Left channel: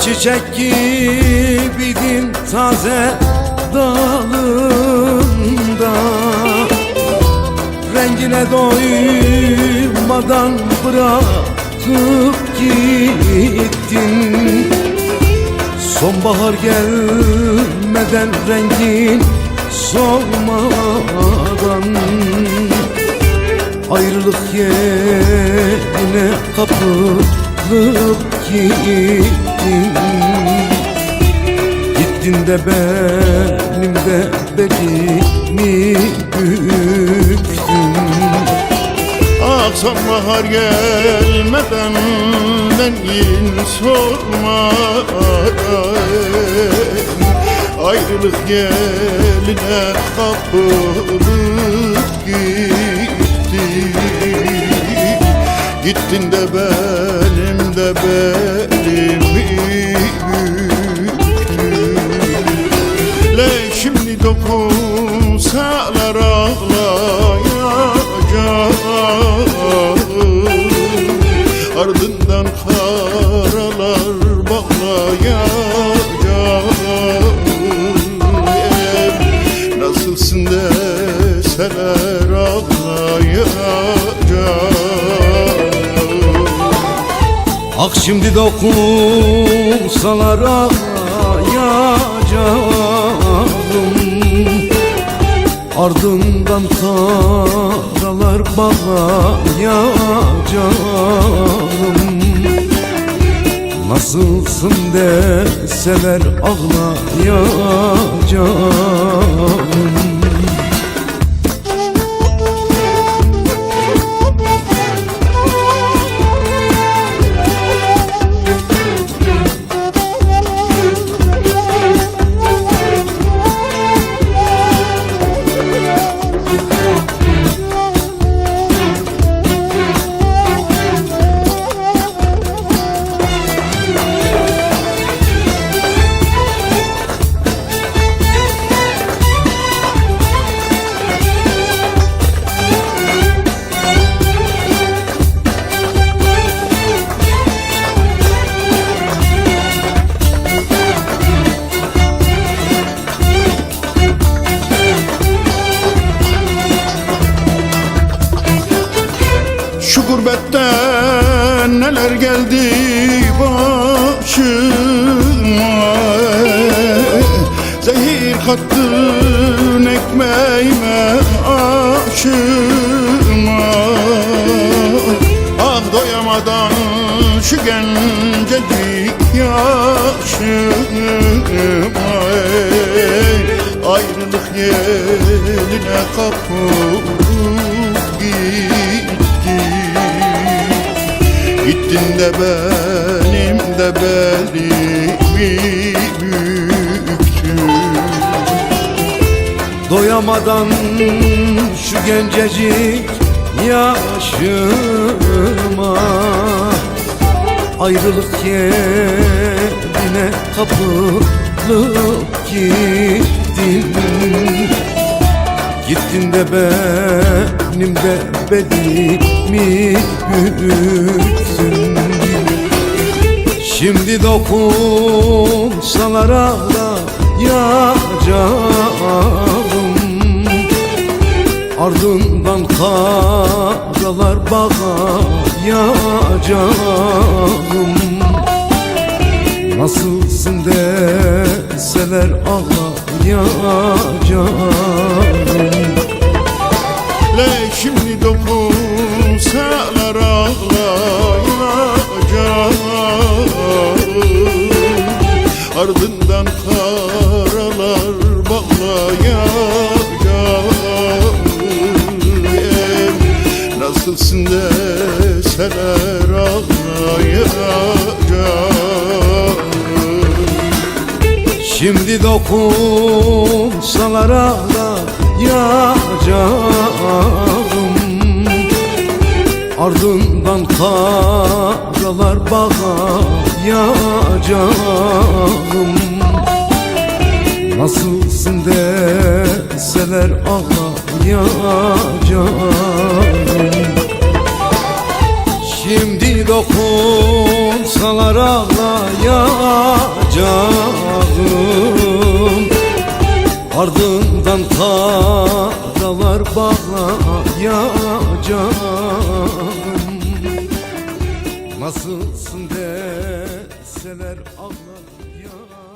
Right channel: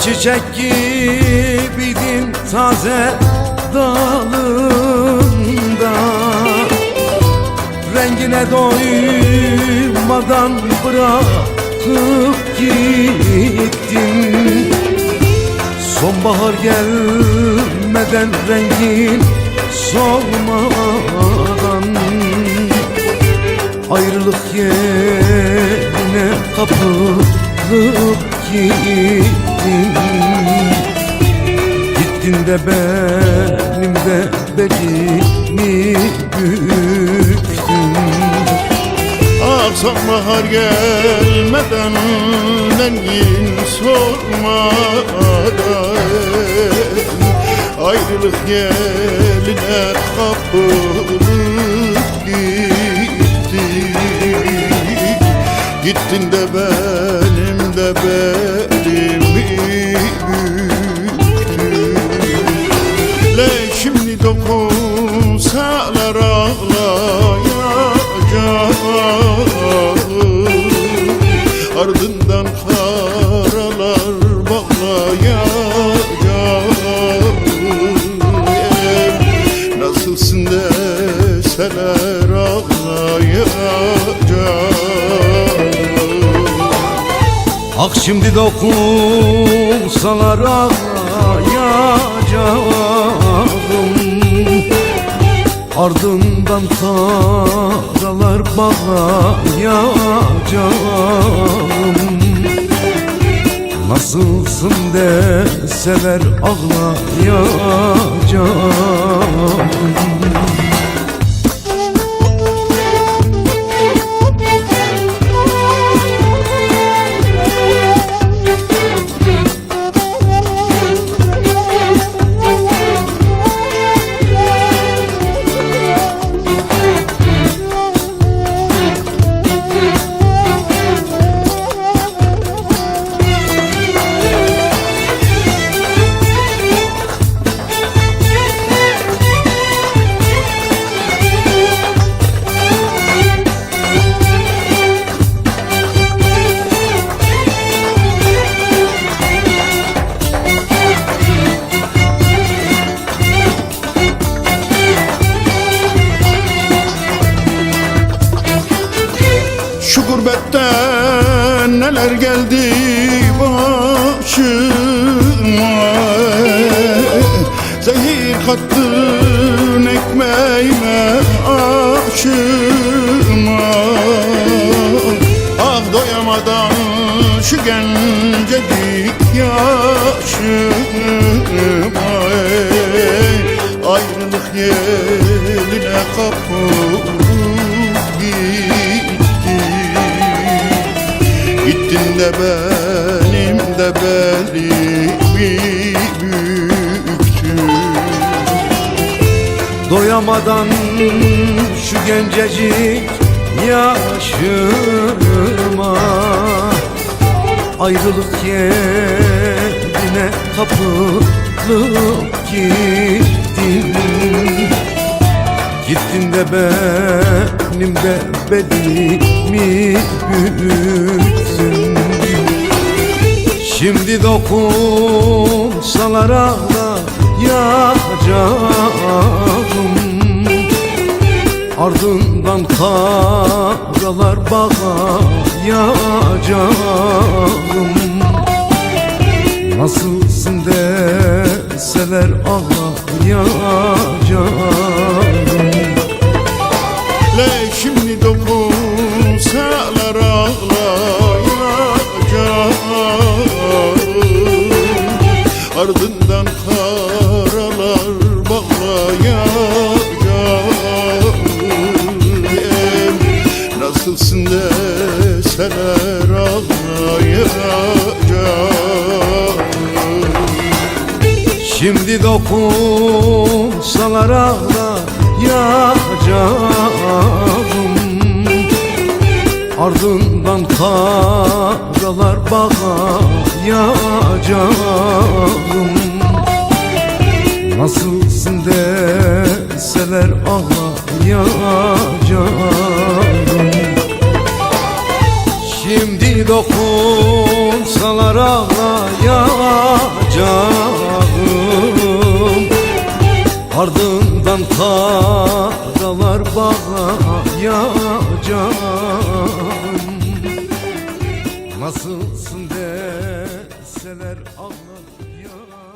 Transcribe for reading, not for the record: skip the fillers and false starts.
çiçek gibiydin taze dalında, rengine doymadan bırakıp gittin. Sonbahar gelmeden, rengin solmadan, ayrılık yerine kapılıp gittin. Gittin de benim de belimi büktün. Ah sonbahar gelmeden, rengin sormadan, ayrılık yeline kapılıp gittin. Gittin de benim de belimi büktün. Le şimdi dokunsalar ağlayacağım, ardından karalar bağlayacağım. Nasılsın deseler ağlayacağım. Ah şimdi dokunsalar ağlayacağım, ardından karalar bağlayacağım. Nasılsın deseler ağlayacağım. Şu gurbetten neler geldi başıma, zehir kattın ekmeğime aşıma. Ah doyamadan şu gencecik yaşıma, ayrılık yeline kapılıp gittin. Gittin de benim de belimi büktün. Doyamadan şu gencecik yaşıma, ayrılık yerine kapılıp gittin. Gittin de benim de belimi büktün. Şimdi dokunsalar ağlayacağım, ardından karalar bağlayacağım. Nasılsın deseler ağlayacağım. Le şimdi dokunsalar ağlayacağım, ardından karalar bağlayacağım. Nasılsın deseler ağlayacağım. Şimdi dokunsalar ağlayacağım, ardından karalar bağlayacağım. Nasılsın deseler ağlayacağım. Şimdi dokunsalar ağlayacağım, ardından karalar bağlayacağım. Nasılsın deseler ağlayacağım.